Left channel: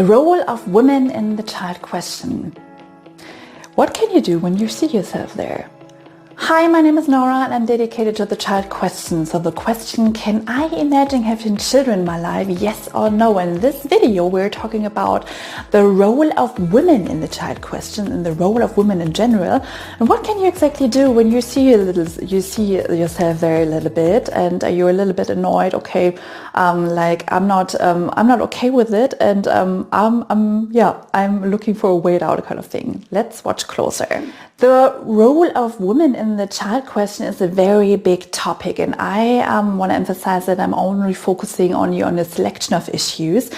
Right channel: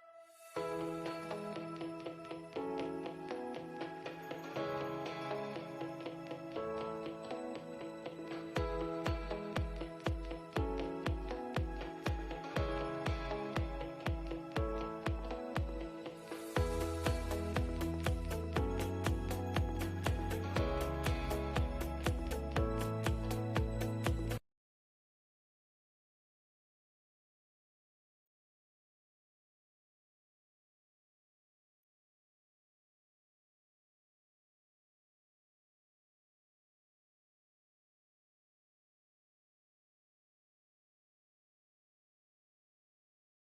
The role of women in the child question. What can you do when you see yourself there? Hi, my name is Nora and I'm dedicated to the child question. So the question, can I imagine having children in my life? Yes or no? And in this video, we're talking about the role of women in the child question and the role of women in general. And what can you exactly do when you see yourself there a little bit and you're a little bit annoyed? Okay, I'm not okay with it, and I'm looking for a way out, kind of thing. Let's watch closer. The role of women in the child question is a very big topic, and I want to emphasize that I'm only focusing on a selection of issues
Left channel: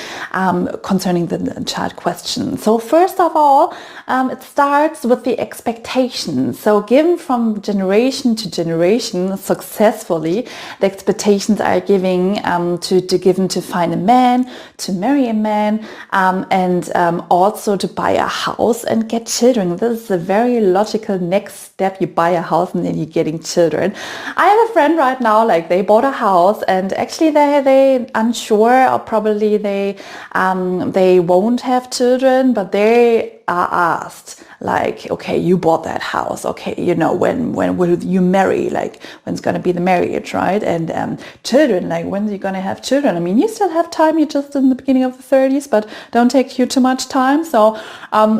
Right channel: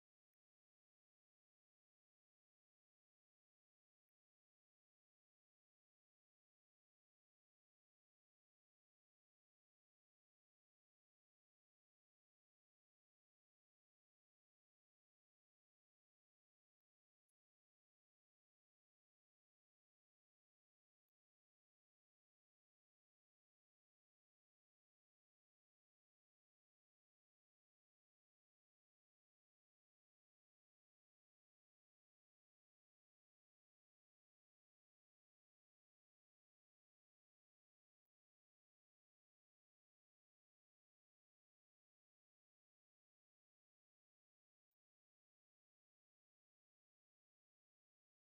concerning the child question. So first of all, it starts with the expectations. So given from generation to generation successfully, the expectations are given to find a man, to marry a man, and also to buy a house and get children. This is a very logical next step. You buy a house and then you're getting children. I have a friend right now, like they bought a house and actually they unsure, or probably they won't have children, but they are asked, like, okay, you bought that house, okay, when will you marry, like when's going to be the marriage, right? And children, like when are you going to have children? I mean, you still have time, you're just in the beginning of the 30s, but don't take you too much time. So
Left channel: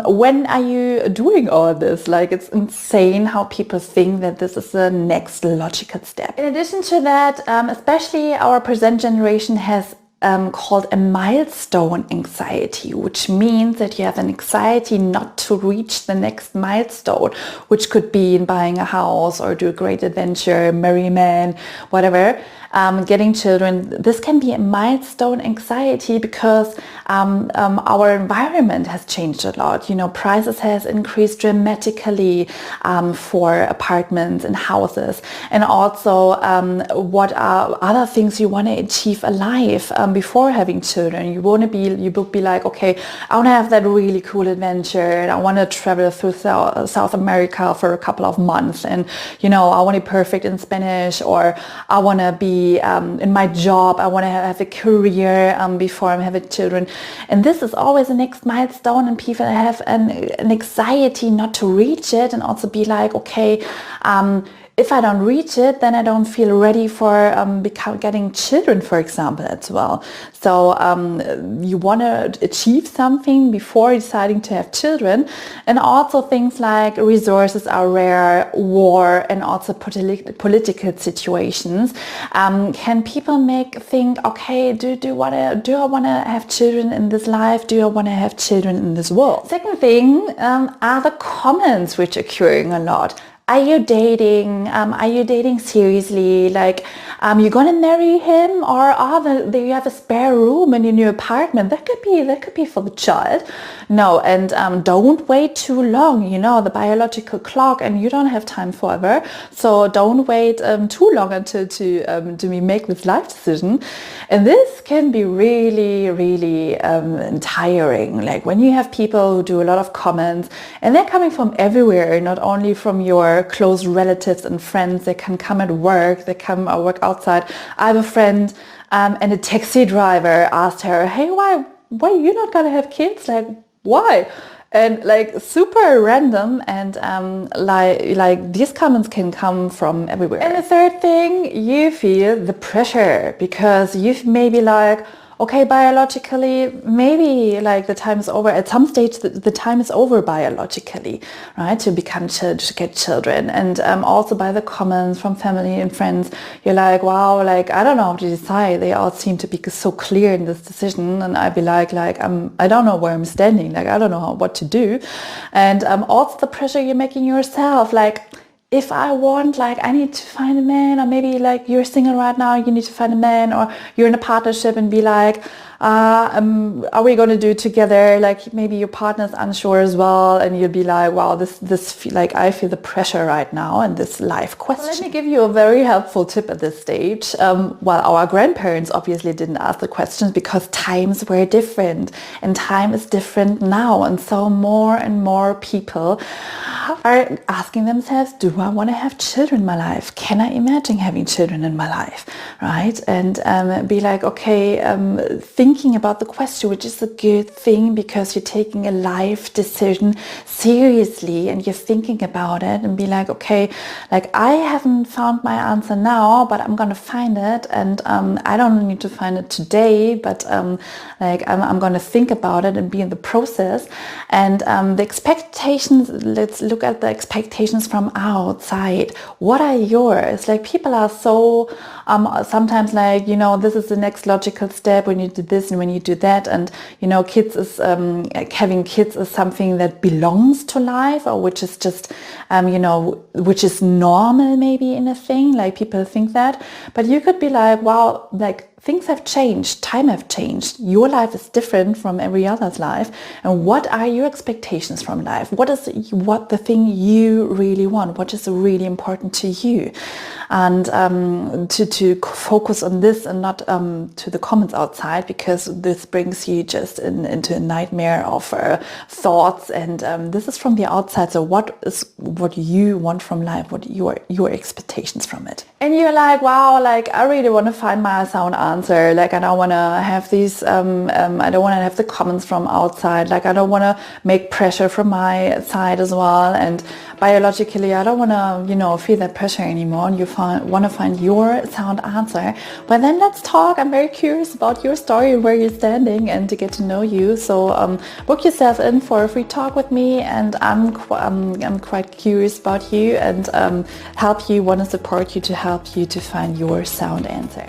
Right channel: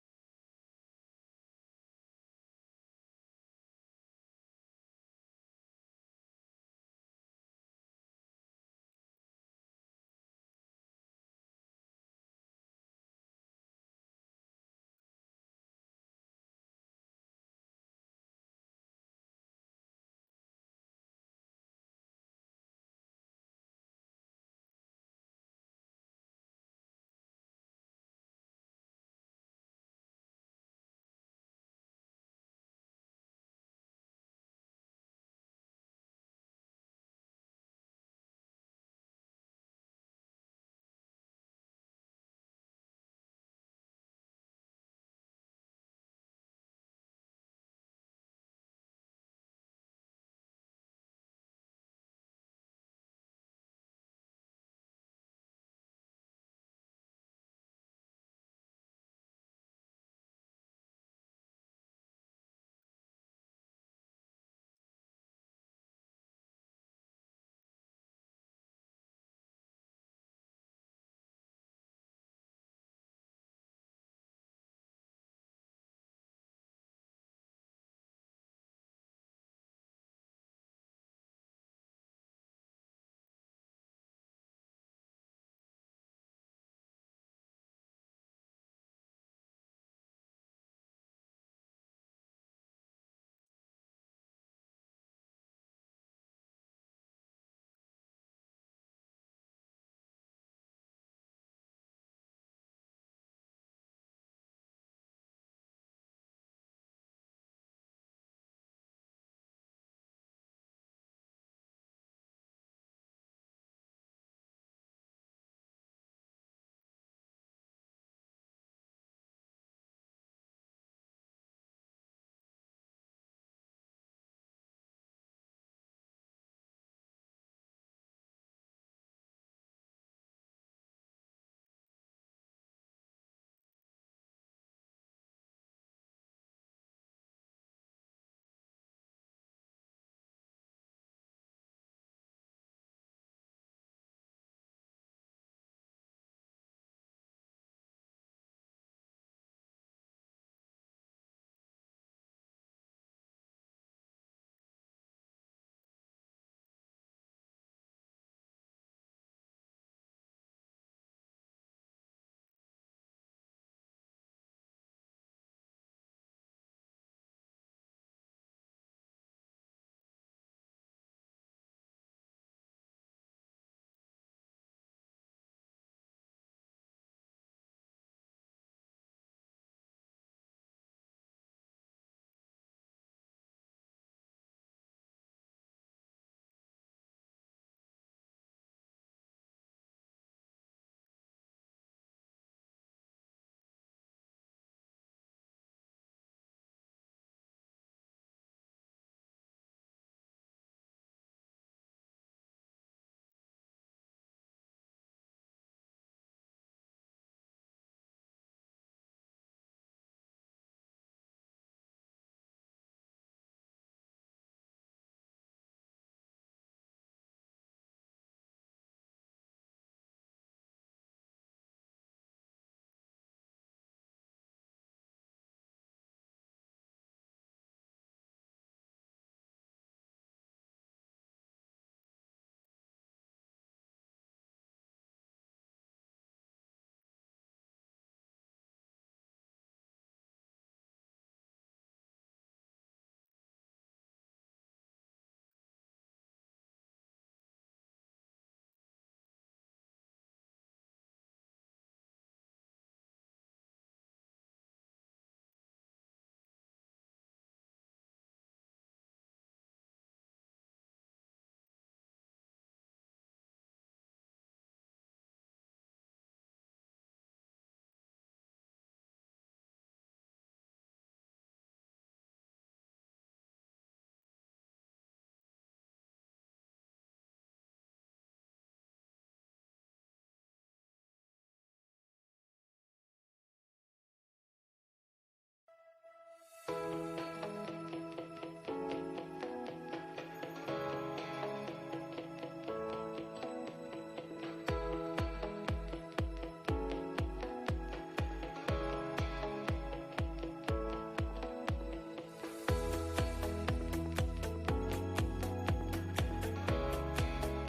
when are you doing all this? Like, it's insane how people think that this is the next logical step. In addition to that, especially our present generation has called a milestone anxiety, which means that you have an anxiety not to reach the next milestone, which could be in buying a house or do a great adventure, marry a man, whatever. Getting children, this can be a milestone anxiety because our environment has changed a lot. Prices has increased dramatically for apartments and houses, and also what are other things you want to achieve alive before having children. You will be like, okay, I want to have that really cool adventure, and I want to travel through South America for a couple of months, and I want to be perfect in Spanish, or I want to be in my job, I want to have a career before I'm having children. And this is always the next milestone, and people have an anxiety not to reach it, and also be like, okay, if I don't reach it, then I don't feel ready for getting children, for example, as well. So you want to achieve something before deciding to have children. And also things like resources are rare, war, and also political situations. Can people think, okay, do I want to have children in this life? Do I want to have children in this world? Second thing are the comments which are occurring a lot. Are you dating? Are you dating seriously? Like, you're gonna marry him, or do you have a spare room in your new apartment? That could be for the child. No, and don't wait too long. The biological clock, and you don't have time forever. So don't wait too long until to make this life decision. And this can be really, really tiring. Like when you have people who do a lot of comments, and they're coming from everywhere, not only from your close relatives and friends. They can come at work, they come or work outside. I have a friend and a taxi driver asked her, hey, why are you not gonna have kids? Like, why? And like super random, and like these comments can come from everywhere. And the third thing, you feel the pressure because you've maybe like, okay, biologically, maybe like the time is over. At some stage, the time is over biologically, right? To get children. And also by the comments from family and friends, you're like, wow, like, I don't know how to decide. They all seem to be so clear in this decision. And I'd be like, I don't know where I'm standing. Like, I don't know what to do. And also the pressure you're making yourself, like, if I want, like, I need to find a man, or maybe like you're single right now, you need to find a man, or you're in a partnership and be like, are we going to do it together? Like maybe your partner's unsure as well, and you'll be like, wow, like I feel the pressure right now and this life question. So let me give you a very helpful tip at this stage. Our grandparents obviously didn't ask the questions because times were different, and time is different now, and so more and more people are asking themselves, do I want to have children in my life? Can I imagine having children in my life? Right? And be like, okay, think thinking about the question, which is a good thing because you're taking a life decision seriously and you're thinking about it and be like, okay, like I haven't found my answer now, but I'm gonna find it, and I don't need to find it today, but like I'm gonna think about it and be in the process. And the expectations, let's look at the expectations from outside. What are yours? Like people are so sometimes like, you know, this is the next logical step when you do this and when you do that, and you know, kids is having kids is something that belongs to life, or which is just you know, which is normal maybe in a thing, like people think that. But you could be like, wow, like things have changed, time have changed, your life is different from every other's life, and what are your expectations from life? What is the thing you really want? What is really important to you? And to focus on this and not to the comments outside, because this brings you just into a nightmare of thoughts, and this is from the outside. So what you want from life, what your expectations from it. And you're like, wow, like I really want to find my sound answer. Like I don't want to have these, I don't want to have the comments from outside. Like I don't want to make pressure from my side as well. And biologically, I don't want to, you know, feel that pressure anymore. And you want to find your sound answer. But then let's talk. I'm very curious about your story and where you're standing, and to get to know you. So book yourself in for a free talk with me, and I'm quite curious about you, and want to support you to help you to find your sound answer.